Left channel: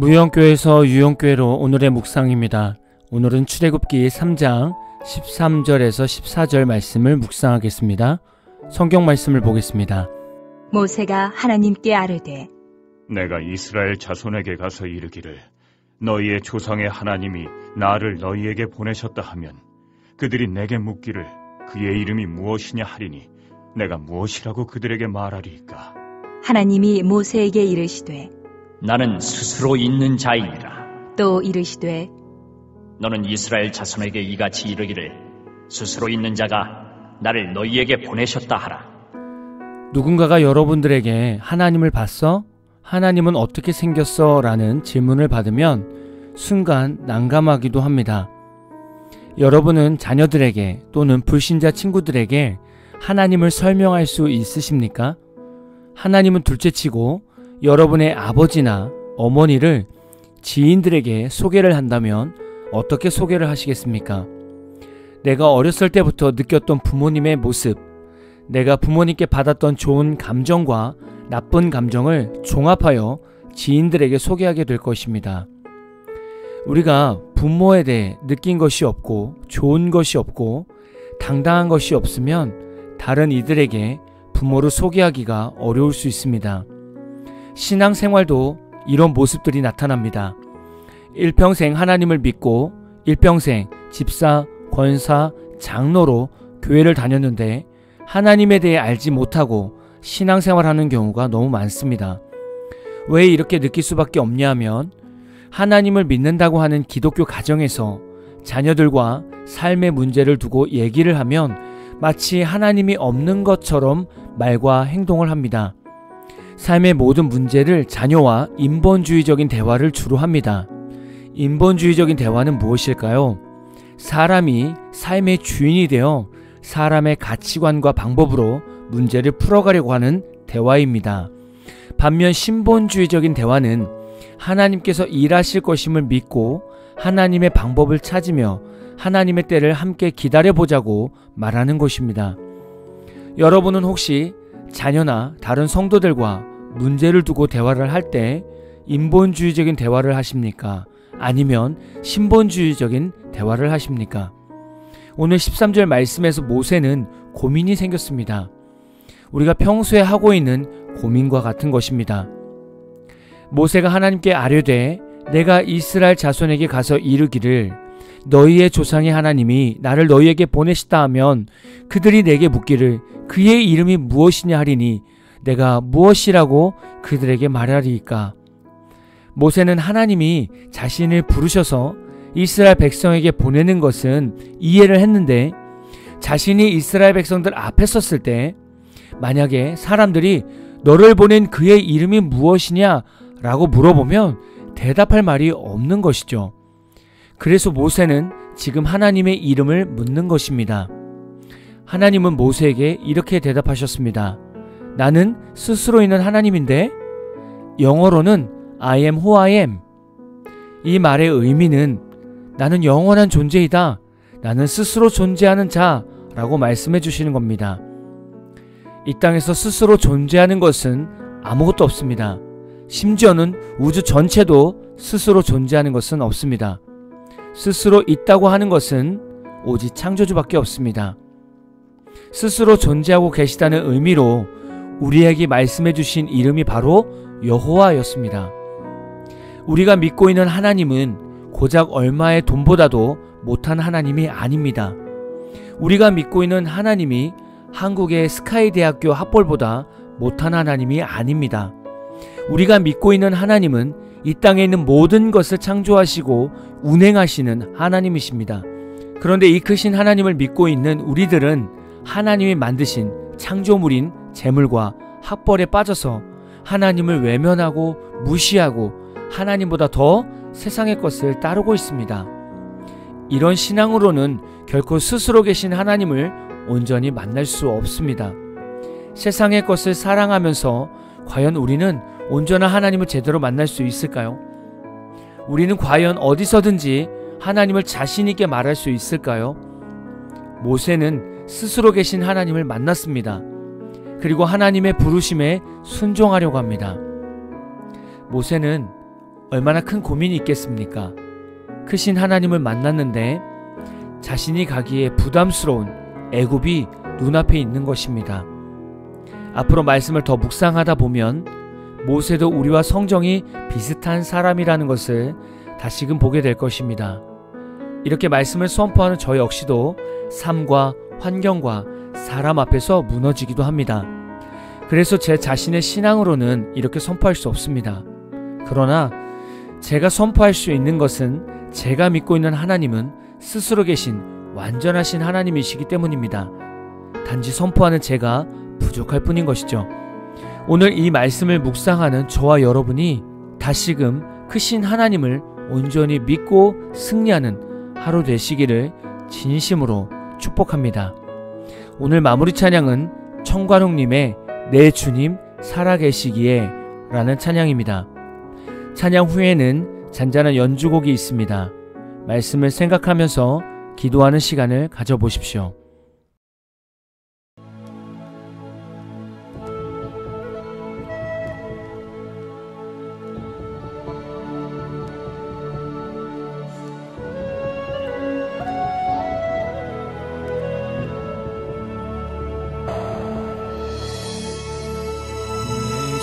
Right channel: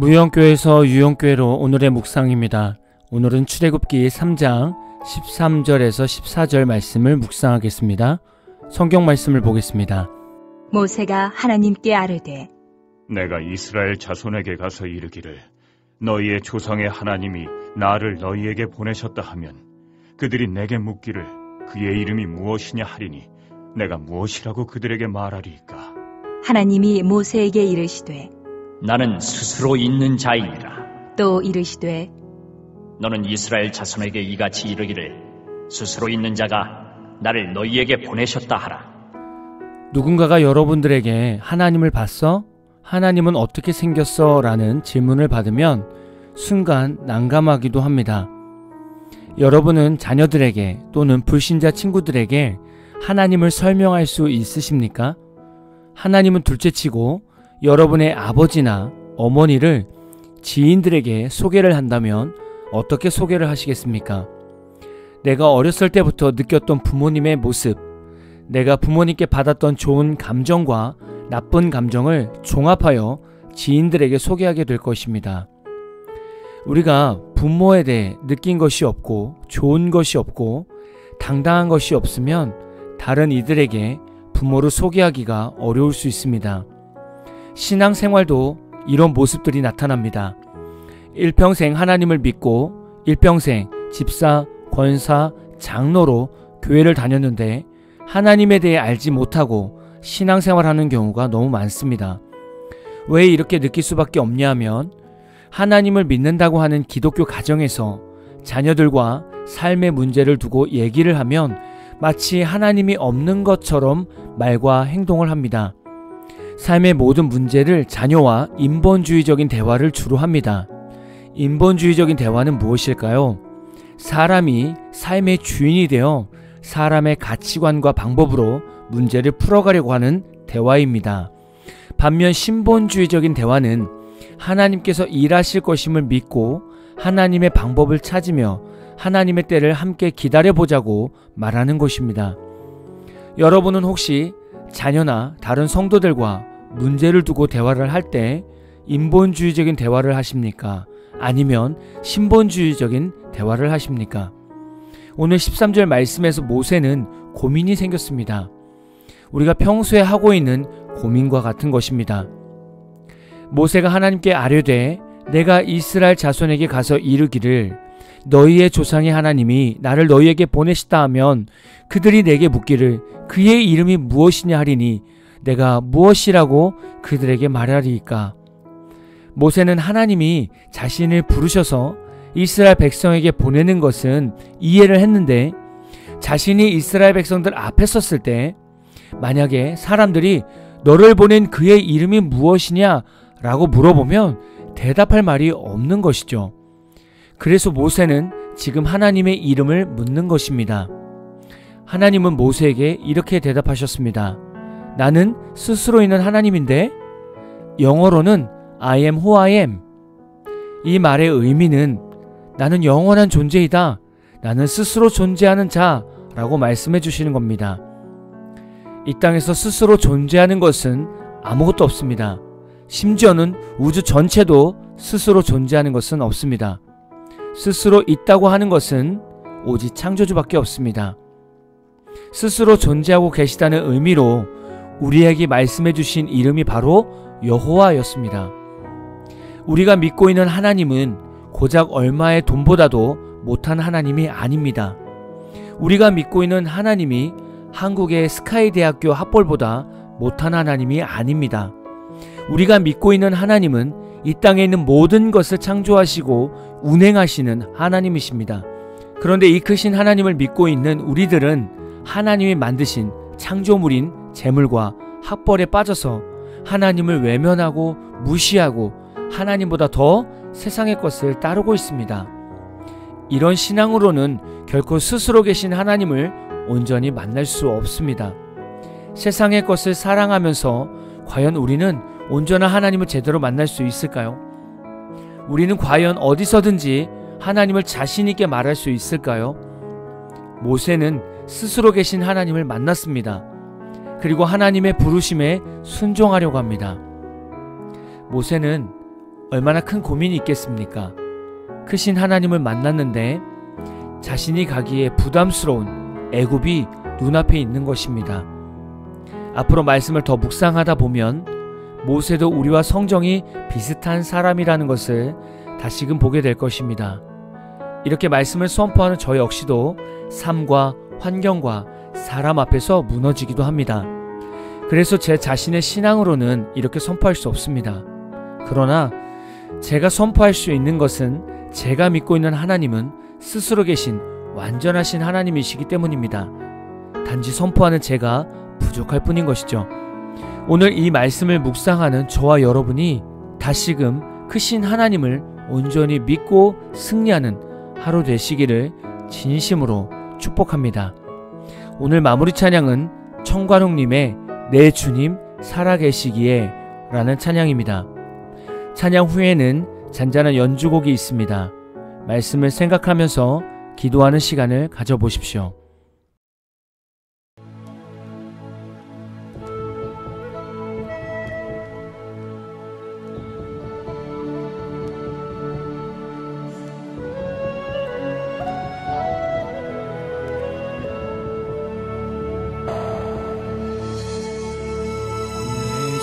무영교에서 유영교회로 오늘의 묵상입니다. 오늘은 출애굽기 3장 13절에서 14절 말씀을 묵상하겠습니다. 성경 말씀을 보겠습니다. 모세가 하나님께 아뢰되 내가 이스라엘 자손에게 가서 이르기를 너희의 조상의 하나님이 나를 너희에게 보내셨다 하면 그들이 내게 묻기를 그의 이름이 무엇이냐 하리니 내가 무엇이라고 그들에게 말하리이까. 하나님이 모세에게 이르시되 나는 스스로 있는 자이니라. 또 이르시되 너는 이스라엘 자손에게 이같이 이르기를 스스로 있는 자가 나를 너희에게 보내셨다 하라. 누군가가 여러분들에게 하나님을 봤어? 하나님은 어떻게 생겼어? 라는 질문을 받으면 순간 난감하기도 합니다. 여러분은 자녀들에게 또는 불신자 친구들에게 하나님을 설명할 수 있으십니까? 하나님은 둘째치고 여러분의 아버지나 어머니를 지인들에게 소개를 한다면 어떻게 소개를 하시겠습니까? 내가 어렸을 때부터 느꼈던 부모님의 모습, 내가 부모님께 받았던 좋은 감정과 나쁜 감정을 종합하여 지인들에게 소개하게 될 것입니다. 우리가 부모에 대해 느낀 것이 없고 좋은 것이 없고 당당한 것이 없으면 다른 이들에게 부모를 소개하기가 어려울 수 있습니다. 신앙생활도 이런 모습들이 나타납니다. 일평생 하나님을 믿고 일평생 집사, 권사, 장로로 교회를 다녔는데 하나님에 대해 알지 못하고 신앙생활하는 경우가 너무 많습니다. 왜 이렇게 느낄 수밖에 없냐 하면 하나님을 믿는다고 하는 기독교 가정에서 자녀들과 삶의 문제를 두고 얘기를 하면 마치 하나님이 없는 것처럼 말과 행동을 합니다. 삶의 모든 문제를 자녀와 인본주의적인 대화를 주로 합니다. 인본주의적인 대화는 무엇일까요? 사람이 삶의 주인이 되어 사람의 가치관과 방법으로 문제를 풀어가려고 하는 대화입니다. 반면 신본주의적인 대화는 하나님께서 일하실 것임을 믿고 하나님의 방법을 찾으며 하나님의 때를 함께 기다려보자고 말하는 것입니다. 여러분은 혹시 자녀나 다른 성도들과 문제를 두고 대화를 할 때 인본주의적인 대화를 하십니까? 아니면 신본주의적인 대화를 하십니까? 오늘 13절 말씀에서 모세는 고민이 생겼습니다. 우리가 평소에 하고 있는 고민과 같은 것입니다. 모세가 하나님께 아뢰되 내가 이스라엘 자손에게 가서 이르기를 너희의 조상의 하나님이 나를 너희에게 보내시다 하면 그들이 내게 묻기를 그의 이름이 무엇이냐 하리니 내가 무엇이라고 그들에게 말하리이까. 모세는 하나님이 자신을 부르셔서 이스라엘 백성에게 보내는 것은 이해를 했는데 자신이 이스라엘 백성들 앞에 섰을 때 만약에 사람들이 너를 보낸 그의 이름이 무엇이냐 라고 물어보면 대답할 말이 없는 것이죠. 그래서 모세는 지금 하나님의 이름을 묻는 것입니다. 하나님은 모세에게 이렇게 대답하셨습니다. 나는 스스로 있는 하나님인데 영어로는 I am who I am. 이 말의 의미는 나는 영원한 존재이다. 나는 스스로 존재하는 자라고 말씀해 주시는 겁니다. 이 땅에서 스스로 존재하는 것은 아무것도 없습니다. 심지어는 우주 전체도 스스로 존재하는 것은 없습니다. 스스로 있다고 하는 것은 오직 창조주밖에 없습니다. 스스로 존재하고 계시다는 의미로 우리에게 말씀해 주신 이름이 바로 여호와였습니다. 우리가 믿고 있는 하나님은 고작 얼마의 돈보다도 못한 하나님이 아닙니다. 우리가 믿고 있는 하나님이 한국의 스카이대학교 학벌보다 못한 하나님이 아닙니다. 우리가 믿고 있는 하나님은 이 땅에 있는 모든 것을 창조하시고 운행하시는 하나님이십니다. 그런데 이 크신 하나님을 믿고 있는 우리들은 하나님이 만드신 창조물인 재물과 학벌에 빠져서 하나님을 외면하고 무시하고 하나님보다 더 세상의 것을 따르고 있습니다. 이런 신앙으로는 결코 스스로 계신 하나님을 온전히 만날 수 없습니다. 세상의 것을 사랑하면서 과연 우리는 온전한 하나님을 제대로 만날 수 있을까요? 우리는 과연 어디서든지 하나님을 자신 있게 말할 수 있을까요? 모세는 스스로 계신 하나님을 만났습니다. 그리고 하나님의 부르심에 순종하려고 합니다. 모세는 얼마나 큰 고민이 있겠습니까? 크신 하나님을 만났는데 자신이 가기에 부담스러운 애굽이 눈앞에 있는 것입니다. 앞으로 말씀을 더 묵상하다 보면 모세도 우리와 성정이 비슷한 사람이라는 것을 다시금 보게 될 것입니다. 이렇게 말씀을 선포하는 저 역시도 삶과 환경과 사람 앞에서 무너지기도 합니다. 그래서 제 자신의 신앙으로는 이렇게 선포할 수 없습니다. 그러나 제가 선포할 수 있는 것은 제가 믿고 있는 하나님은 스스로 계신 완전하신 하나님이시기 때문입니다. 단지 선포하는 제가 부족할 뿐인 것이죠. 오늘 이 말씀을 묵상하는 저와 여러분이 다시금 크신 하나님을 온전히 믿고 승리하는 하루 되시기를 진심으로 축복합니다. 오늘 마무리 찬양은 청관웅님의 내 주님 살아계시기에 라는 찬양입니다. 찬양 후에는 잔잔한 연주곡이 있습니다. 말씀을 생각하면서 기도하는 시간을 가져보십시오.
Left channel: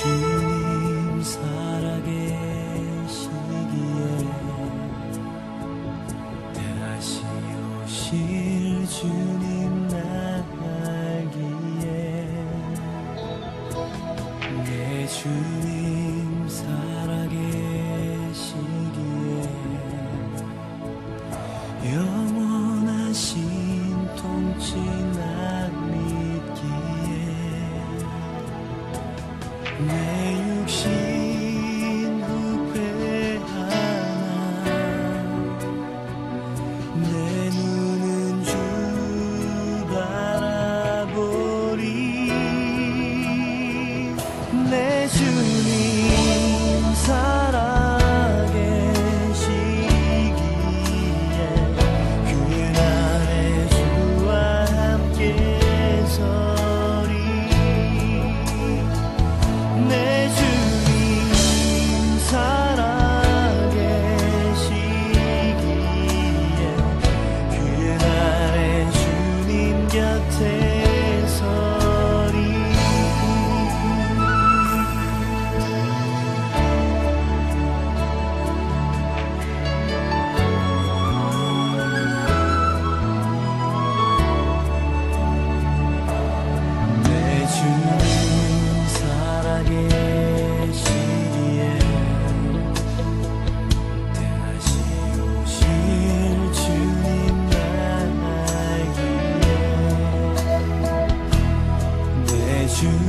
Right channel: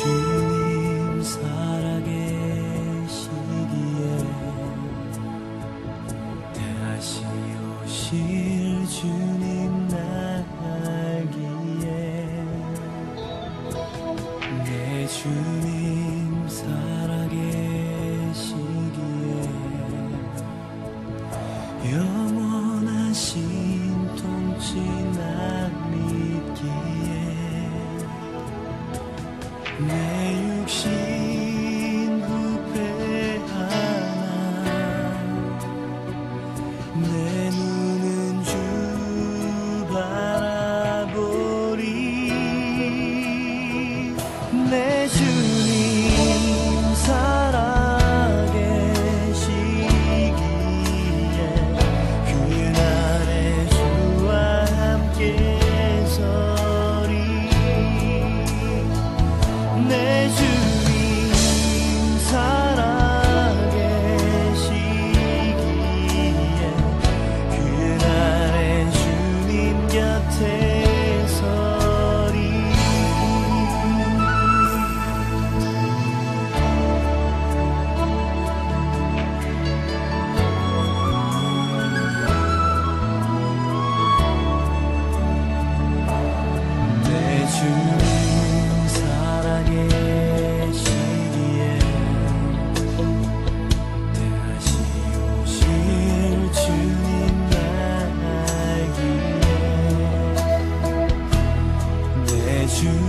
주님 살아계시기에 다시 오실 주님 나기에 내 주님 살아계시기에 영원하신 통치 나 믿기에 내 육신 후회하나 내 눈은 주 바라보리 내 주님 살아계시기에 그날의 주와 함께 서리 내 주님 살아계시기에 그날의 주님 곁에 서리 내 주님 살아계시기에 다시 오실 주님 나기에 내 주님